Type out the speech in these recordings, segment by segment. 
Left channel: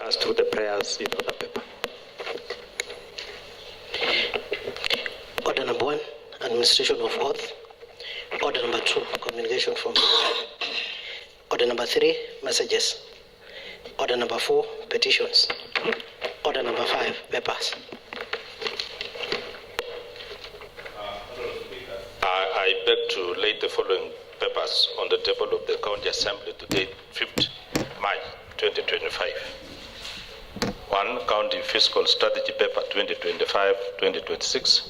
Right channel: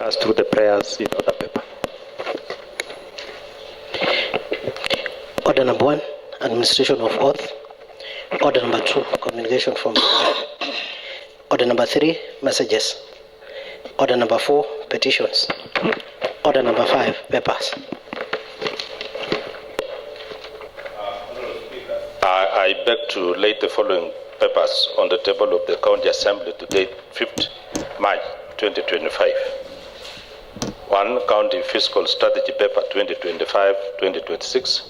As through the prayers in the paper. Order number 1, administration of oath. Order number 2, communication from order number 3, messages. Order number 4, petitions. Order number 5, papers. I beg to lay the following papers on the table of the County Assembly to date 5th March 2025. 1. County Fiscal Strategy Paper 2025-2026.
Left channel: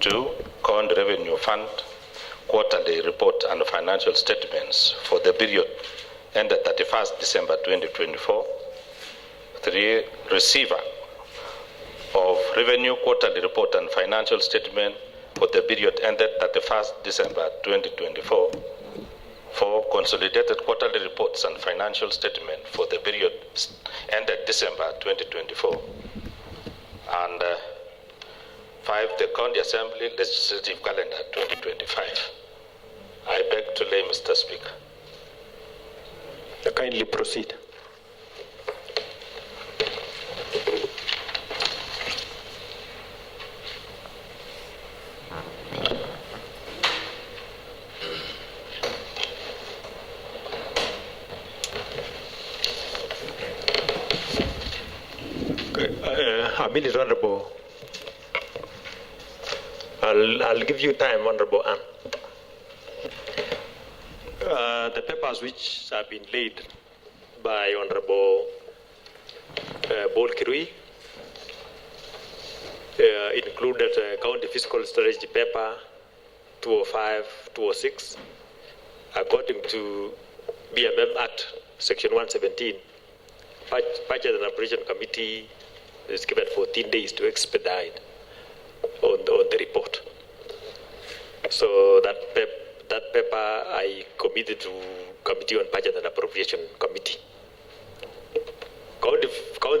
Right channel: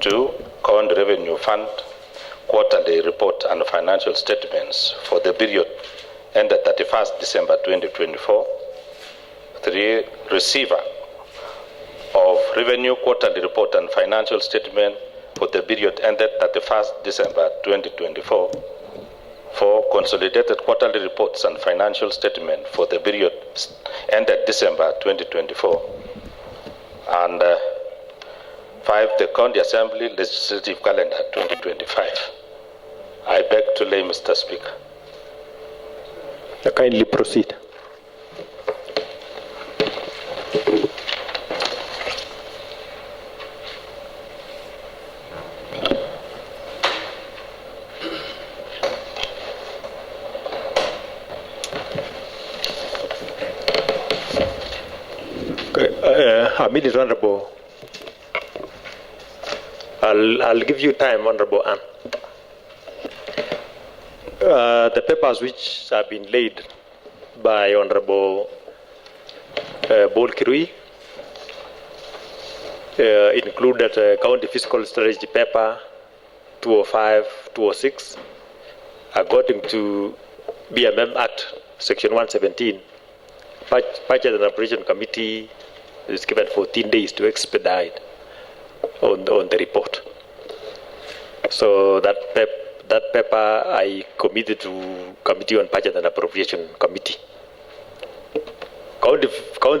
2. County Revenue Fund Quarterly Report and Financial Statements for the period ended 31st December 2024. 3. Receiver of Revenue Quarterly Report and Financial Statement for the period ended 31st December 2024. 4. Consolidated Quarterly Reports and Financial Statement for the period ended December 2024. And 5. The County Assembly Legislative Calendar 2025. I beg to lay, Mr. Speaker. Kindly proceed. A minute, Honorable. I'll give you time, Honorable Anne. The papers which have been laid by Honorable Bol Kirui included County Fiscal Strategy Paper 205-206, according to BMM Act, Section 117. Budget and Operation Committee is given 14 days to expedite on the report. So that paper I committed to Committee on Budget and Appropriation Committee. County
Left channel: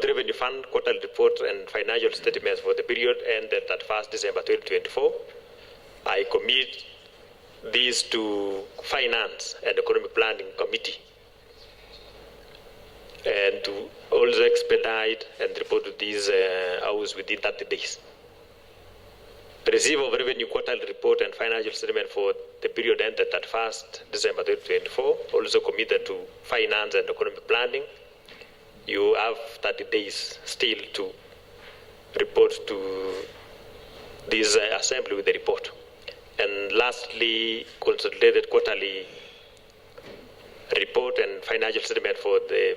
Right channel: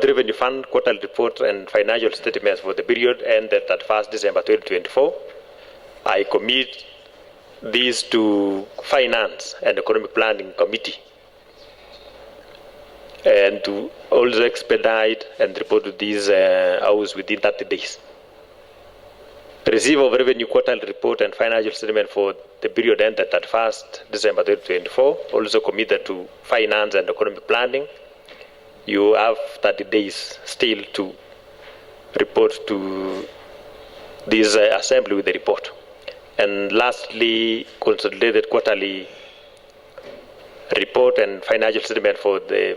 Revenue Fund Quarterly Report and Financial Statements for the period ended at 1st December 2024. I commit these to Finance and Economic Planning Committee, and to also expedite and report to these hours within 30 days. Receive of Revenue Quarterly Report and Financial Statement for the period ended at 1st December 2024, also committed to Finance and Economic Planning. You have 30 days still to report to this assembly with the report. And lastly, Consolidated Quarterly Report and Financial Statement for the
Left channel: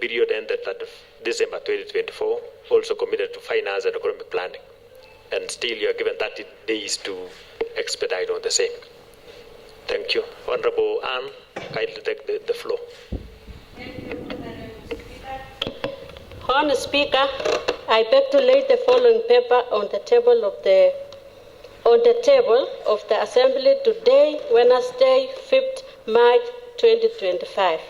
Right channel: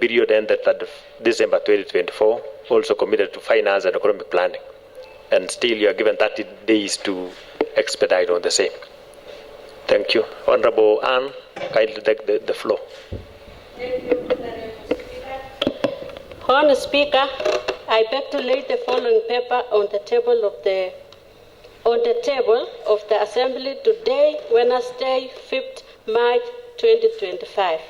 period ended at December 2024, also committed to Finance and Economic Planning. And still you are given 30 days to expedite on the same. Thank you. Honorable Anne, kindly take the floor. Thank you, Mr. Speaker. Honourable Speaker, I beg to lay the following paper on the table of the Assembly today, Wednesday, 5th March 2025.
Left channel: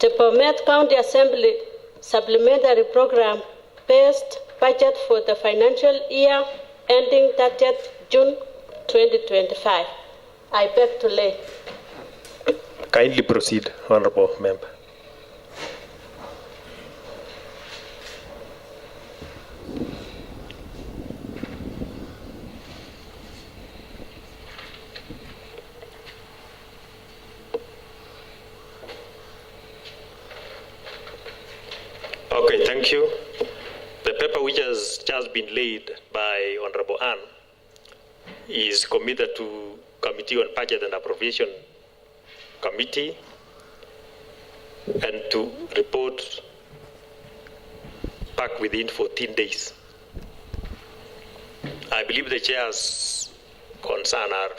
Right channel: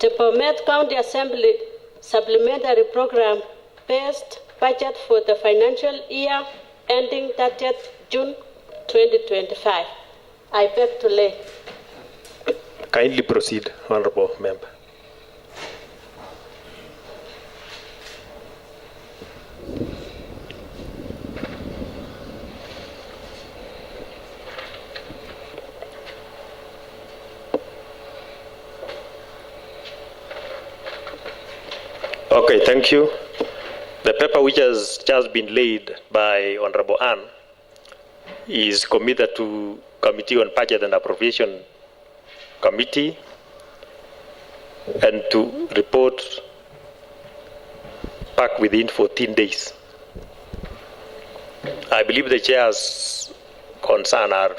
The BOMET County Assembly Supplementary Program based budget for the financial year ending 30th June 2025. I beg to lay. Kindly proceed, Honorable Member. Okay, thank you. The paper which has just been laid by Honorable Anne is committed to Committee on Budget and Appropriation Committee, and to report back within 14 days. I believe the chair's concern are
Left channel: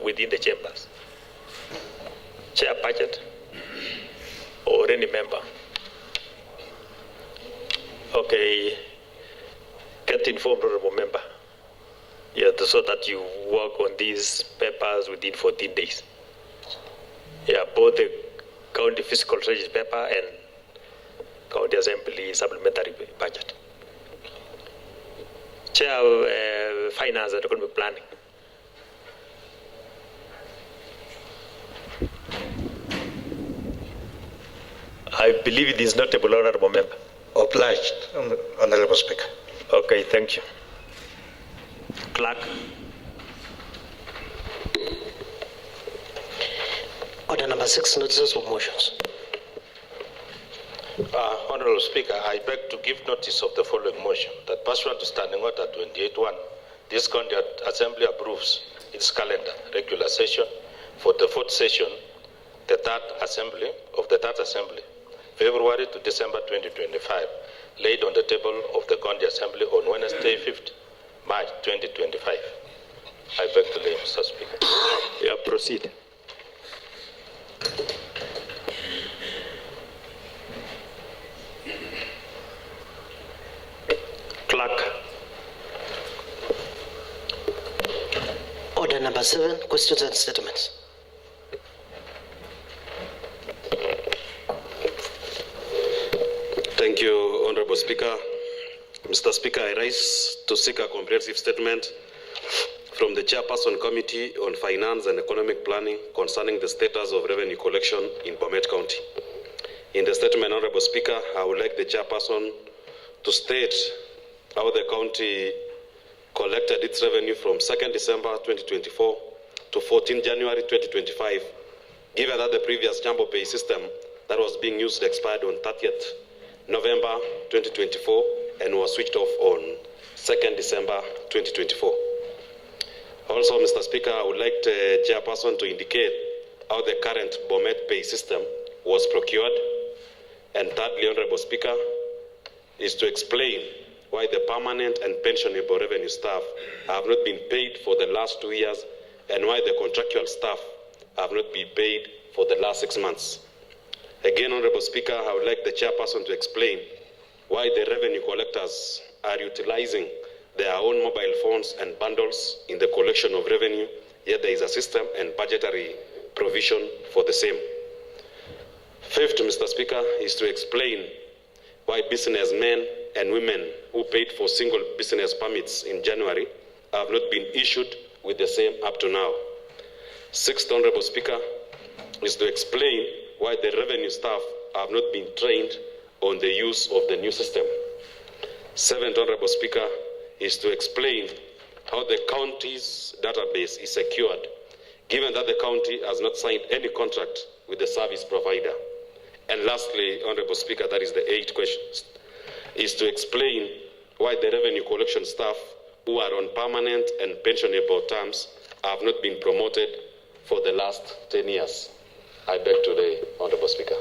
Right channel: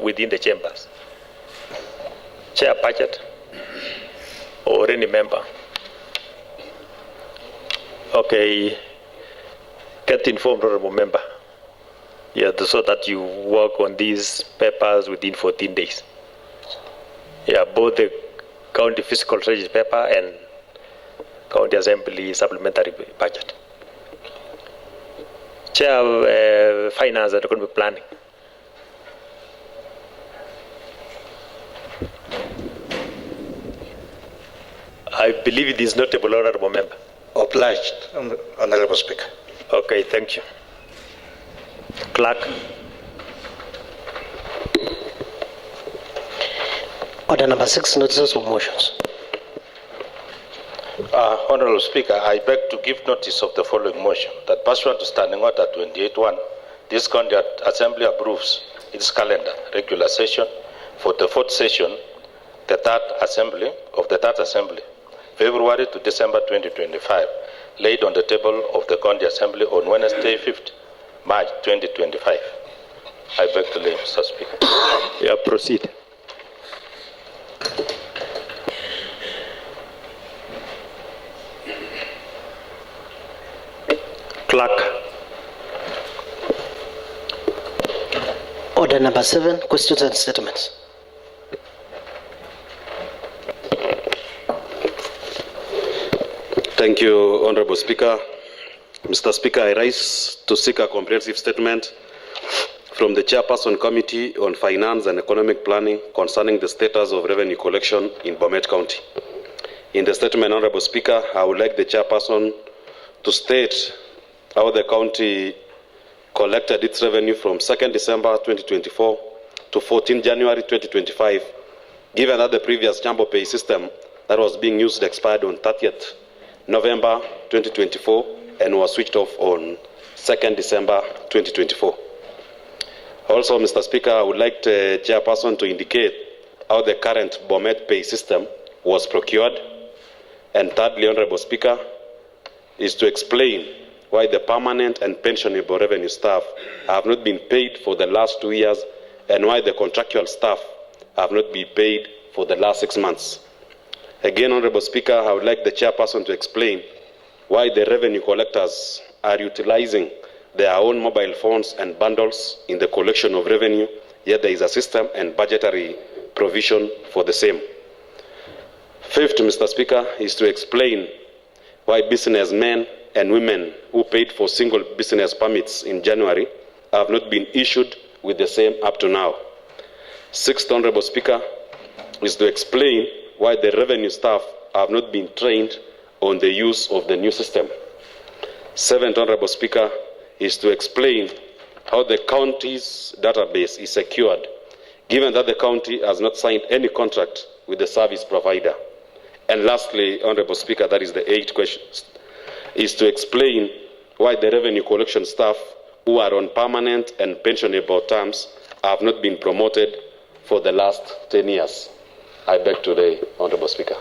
within the chambers. Chair Budget or any member. Okay, get informed, Honorable Member. Yeah, so that you work on these papers within 14 days. Yeah, both the County Fiscal Strategy Paper and County Assembly Supplementary Budget. Chair Finance and Economic Planning. I believe it is notable, Honorable Member. Obliged, Honorable Speaker. Okay, thank you. Clerk. Order number 6, notices of motions. Honorable Speaker, I beg to give notice of the following motion, that pursuant to Standing Order 28.1, this County Assembly approves its calendar, regular session for the 4th session, the 3rd Assembly of the 3rd Assembly, February to December 2025, laid on the table of the County Assembly on Wednesday, 5th March 2025. I beg to lay, Mr. Speaker. Yeah, proceed. Clerk. Order number 7, questions and statements. Thank you, Honorable Speaker. Mr. Speaker, I rise to seek a comprehensive statement from the Chairperson Committee on Finance and Economic Planning concerning the status of revenue collection in BOMET County. In the statement, Honorable Speaker, I would like the Chairperson to state how the county collected its revenue from 2nd December 2024 to 14 January 2025, given that the previous Jambo Pay system that was being used expired on 30th November 2024 and was switched off on 2nd December 2024. Also, Mr. Speaker, I would like the Chairperson to indicate how the current BOMET Pay system was procured. And thirdly, Honorable Speaker, is to explain why the permanent and pensionable revenue staff have not been paid for the last 2 years and why the contractual staff have not been paid for the last 6 months. Again, Honorable Speaker, I would like the Chairperson to explain why the revenue collectors are utilizing their own mobile phones and bundles in the collection of revenue, yet there is a system and budgetary provision for the same. Fifth, Mr. Speaker, is to explain why businessmen and women who paid for single business permits in January have not been issued with the same up to now. Sixth, Honorable Speaker, is to explain why the revenue staff have not been trained on the use of the new system. Seventh, Honorable Speaker, is to explain how the county's database is secured, given that the county has not signed any contract with the service provider. And lastly, Honorable Speaker, that is the 8th question, is to explain why the revenue collection staff who are on permanent and pensionable terms have not been promoted for the last 10 years. I beg to the Honorable Speaker.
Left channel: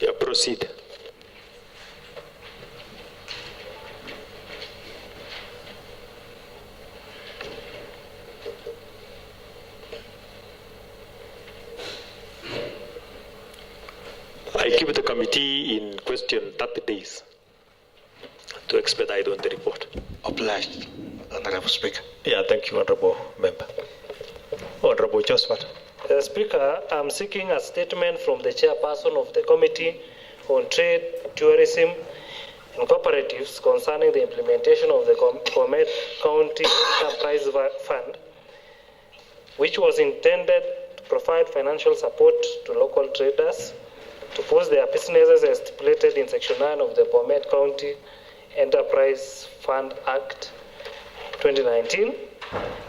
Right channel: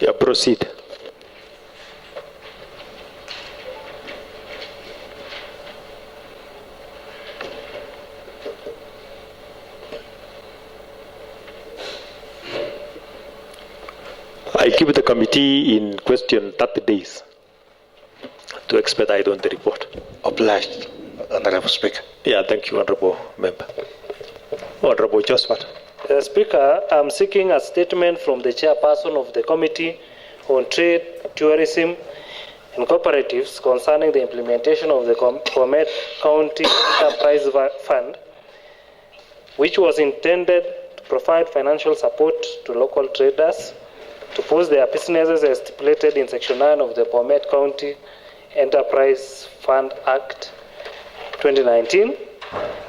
Yeah, proceed. I keep the committee in question 30 days to expedite on the report. Obliged, Honorable Speaker. Yeah, thank you, Honorable Member. Honorable Josephat. Speaker, I'm seeking a statement from the chairperson of the Committee on Trade, Tourism and Cooperatives concerning the implementation of the BOMET County Enterprise Fund, which was intended to provide financial support to local traders to boost their businesses as stipulated in Section 9 of the BOMET County Enterprise Fund Act 2019.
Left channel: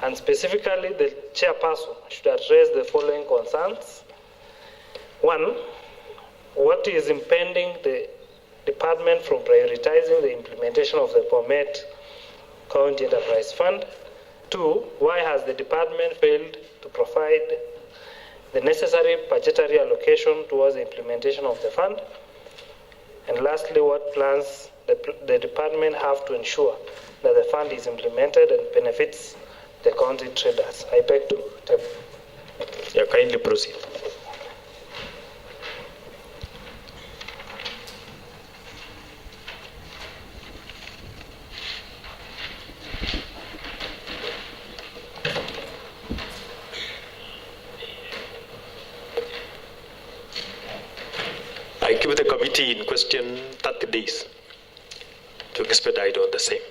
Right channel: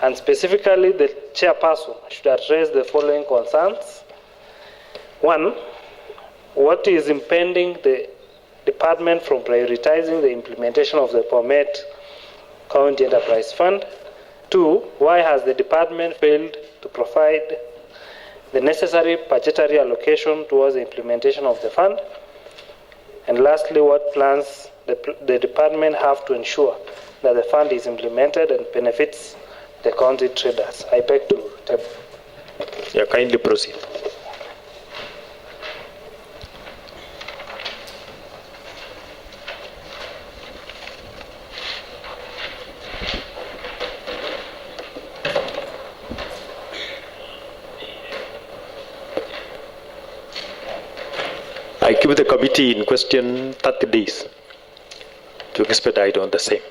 And specifically, the chairperson should address the following concerns. One, what is impeding the department from prioritizing the implementation of the BOMET County Enterprise Fund? Two, why has the department failed to provide the necessary budgetary allocation towards the implementation of the fund? And lastly, what plans the department have to ensure that the fund is implemented and benefits the county traders? I beg to table. Yeah, kindly proceed. I give the committee in question 30 days to expedite on the same.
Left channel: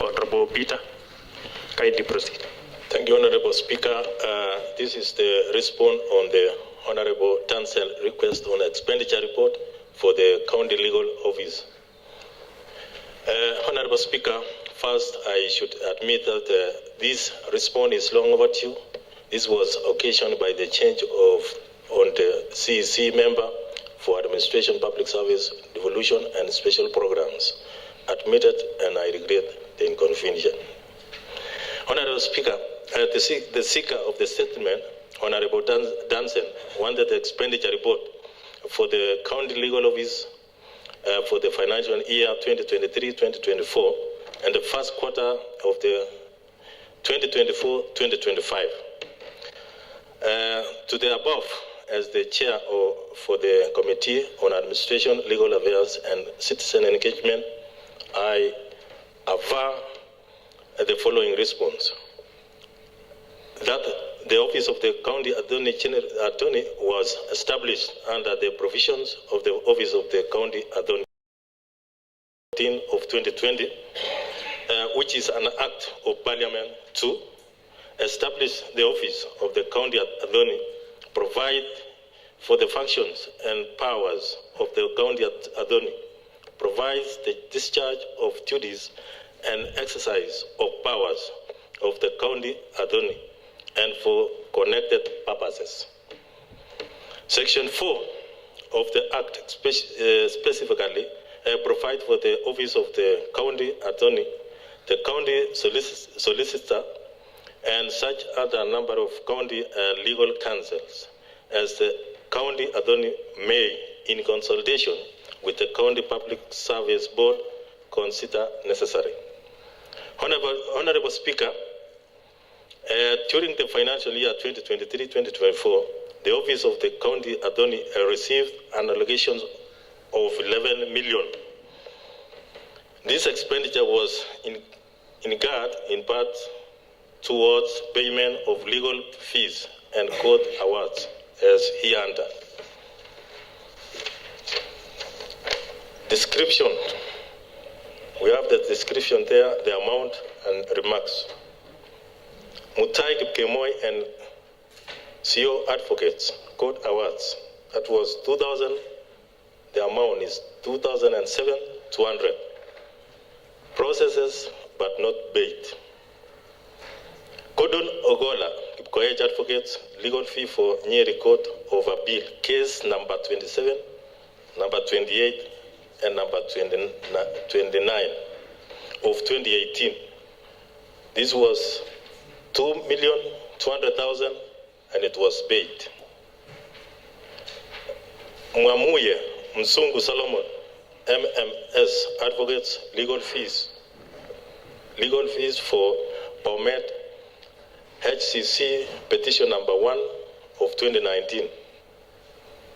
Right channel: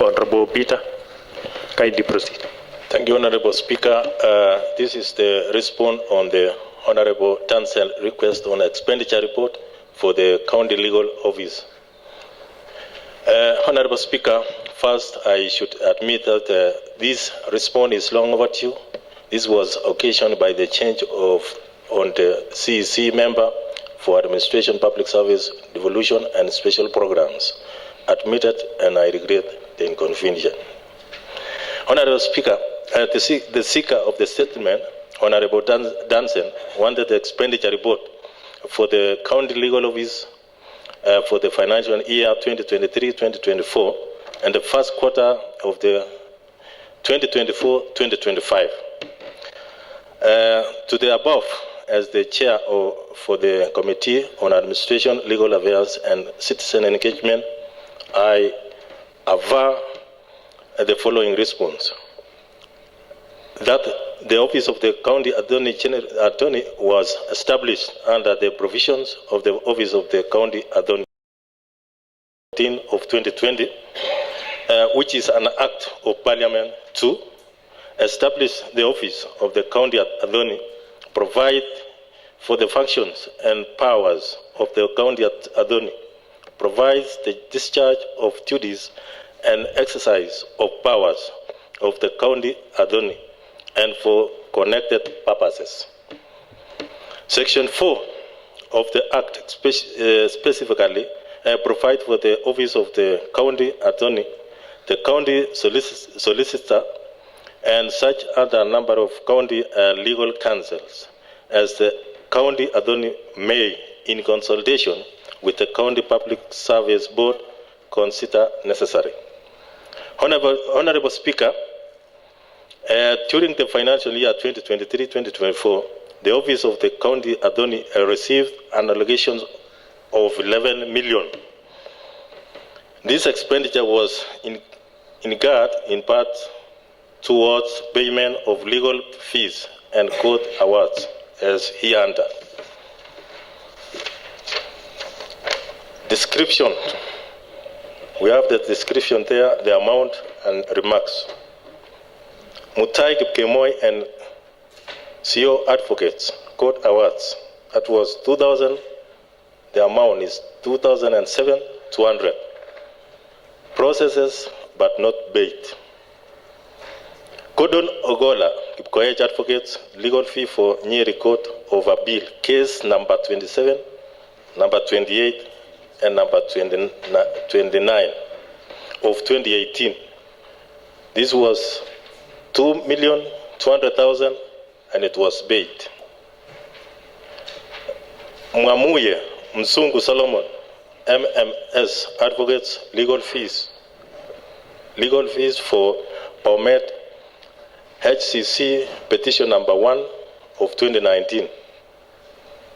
Honorable Peter, kindly proceed. Thank you, Honorable Speaker. This is the response on the Honorable Tansel request on expenditure report for the County Legal Office. Honorable Speaker, first I should admit that this response is long overdue. This was occasioned by the change on the CEC member for Administration, Public Service, Devolution and Special Programs. Admitted, and I regret the inconvenience. Honorable Speaker, the seeker of the statement, Honorable Danson, wanted the expenditure report for the County Legal Office for the financial year 2023-2024 and the first quarter of the 2024-2025. To the above, as the chair for the Committee on Administration, Legal Affairs and Citizen Engagement, I aver the following response: that the office of the County Attorney was established under the provisions of the Office of the County Attorney of 2020, which is an act of Parliament to establish the office of the County Attorney, provide for the functions and powers of the County Attorney, provides the discharge of duties and exercise of powers of the County Attorney, and for connected purposes. Section 4 of the Act specifically provides for the Office of the County Attorney, the County Solicitor, and such other number of county legal counsels as the County Attorney may, in consultation with the County Public Service Board, consider necessary. Honorable Speaker, during the financial year 2023-2024, the Office of the County Attorney received an allocation of 11 million. This expenditure was in part towards payment of legal fees and court awards, as hereunder. Description. We have the description there, the amount and remarks. Mutai Kipkemoy and CO Advocates, Court Awards. That was 2,000. The amount is 2,700. Processes, but not paid. Gordon Ogola, Kipkoech Advocates, legal fee for Nyeri Court of Appeal, case number 27, number 28, and number 29 of 2018. This was 2,200,000, and it was paid. Mwamuye Msungu Solomon, MMS Advocates, legal fees for BOMET HCC petition number 1 of 2019.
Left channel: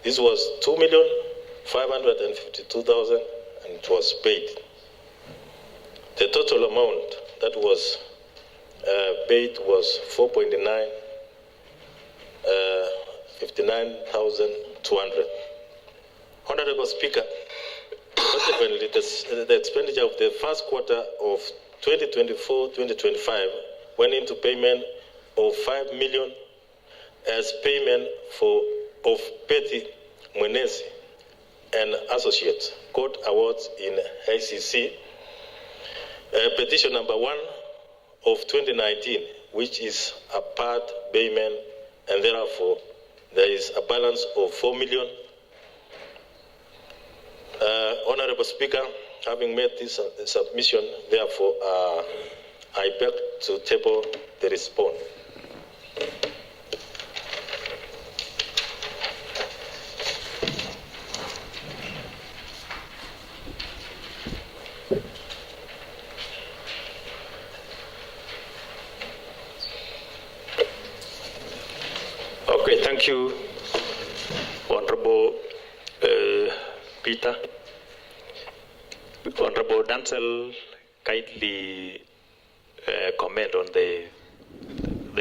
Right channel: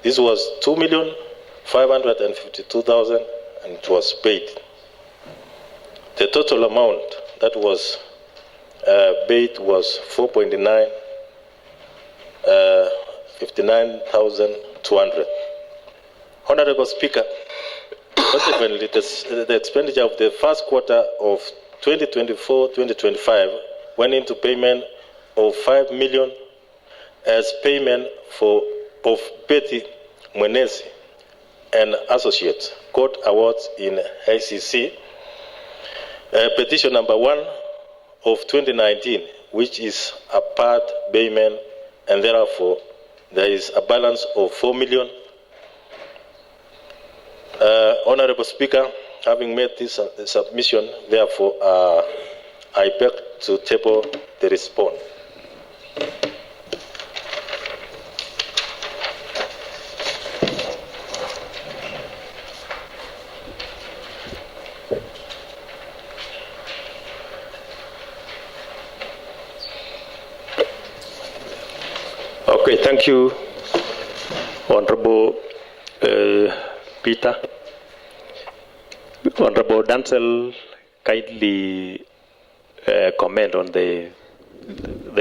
This was 2,552,000, and it was paid. The total amount that was paid was 59,200. Honorable Speaker, consequently, the expenditure of the first quarter of 2024-2025 went into payment of 5 million as payment of Betty Mwenezi and Associates Court Awards in ICC, petition number 1 of 2019, which is a part payment, and therefore there is a balance of 4 million. Honorable Speaker, having made this submission, therefore I beg to table the response. Okay, thank you, Honorable Peter. Honorable Dancel, kindly comment on the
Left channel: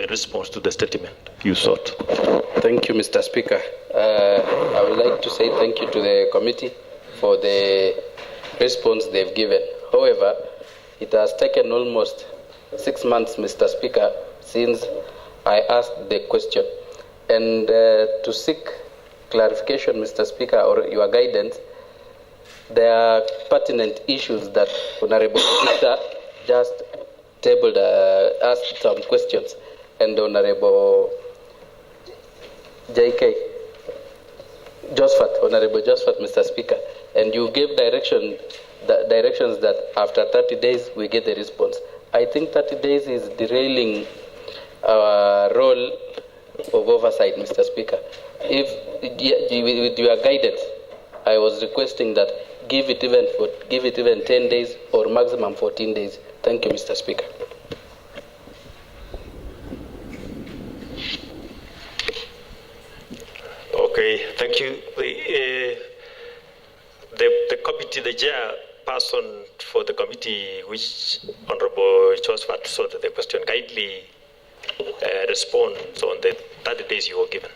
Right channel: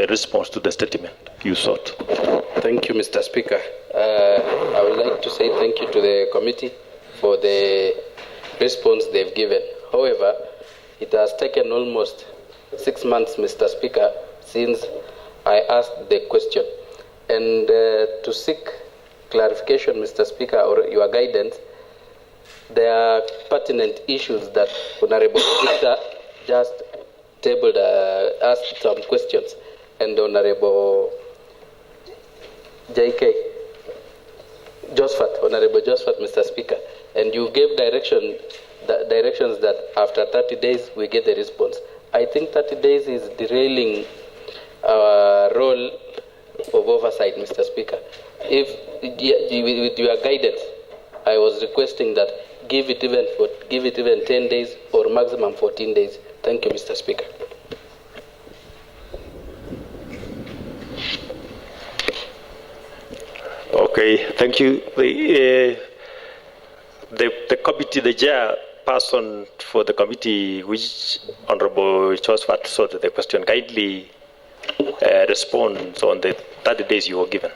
response to the statement you sought. Thank you, Mr. Speaker. I would like to say thank you to the committee for the response they've given. However, it has taken almost 6 months, Mr. Speaker, since I asked the question. And to seek clarification, Mr. Speaker, or your guidance, there are pertinent issues that Honorable Victor just tabled, asked some questions, and Honorable J.K. Honorable Josephat, Mr. Speaker, and you gave directions that after 30 days we get the response. I think 30 days is derailing our role of oversight, Mr. Speaker. If with your guidance, I was requesting that give it even 10 days or maximum 14 days. Thank you, Mr. Speaker. Okay, thank you. The committee, the chairperson for the committee, which Honorable Josephat sought the question, kindly responds on the 30 days you were given.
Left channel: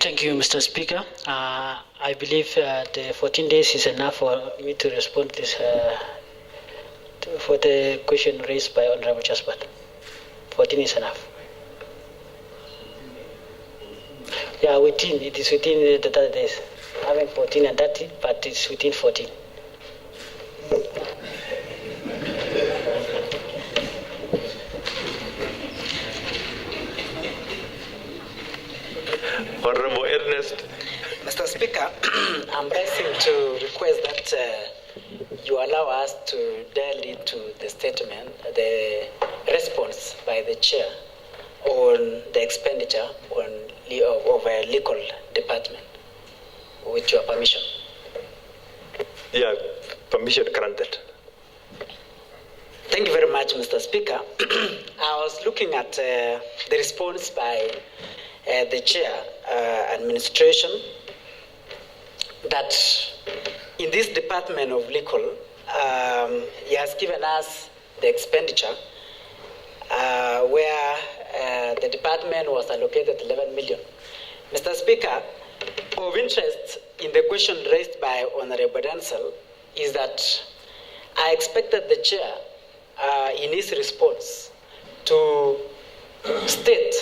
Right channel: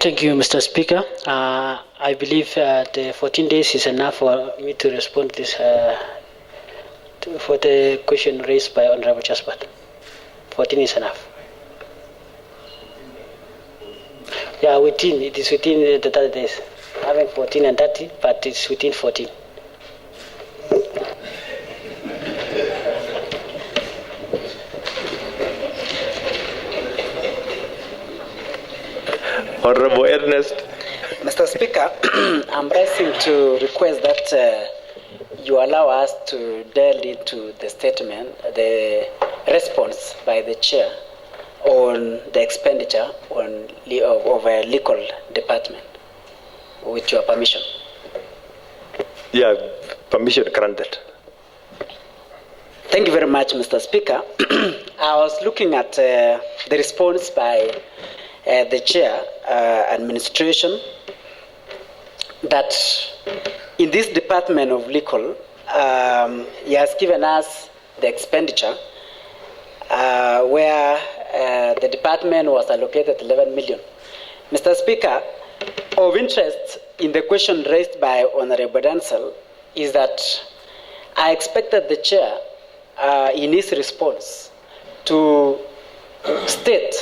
Thank you, Mr. Speaker. I believe the 14 days is enough for me to respond this for the question raised by Honorable Josephat. 14 is enough. Yeah, it is within the 30 days. Having 14 and 30, but it's within 14. Honorable Ernest. Mr. Speaker, I'm pressing to request that you allow us to delve into the statement, the response by the chair on the expenditure of a legal department, with your permission. Yeah, permission granted. Thank you very much, Mr. Speaker. I was looking at the response by the chair administration that in this department of legal, he has given us the expenditure where the department was allocated 11 million. Mr. Speaker, of interest in the question raised by Honorable Dancel is that I expected the chair in his response to state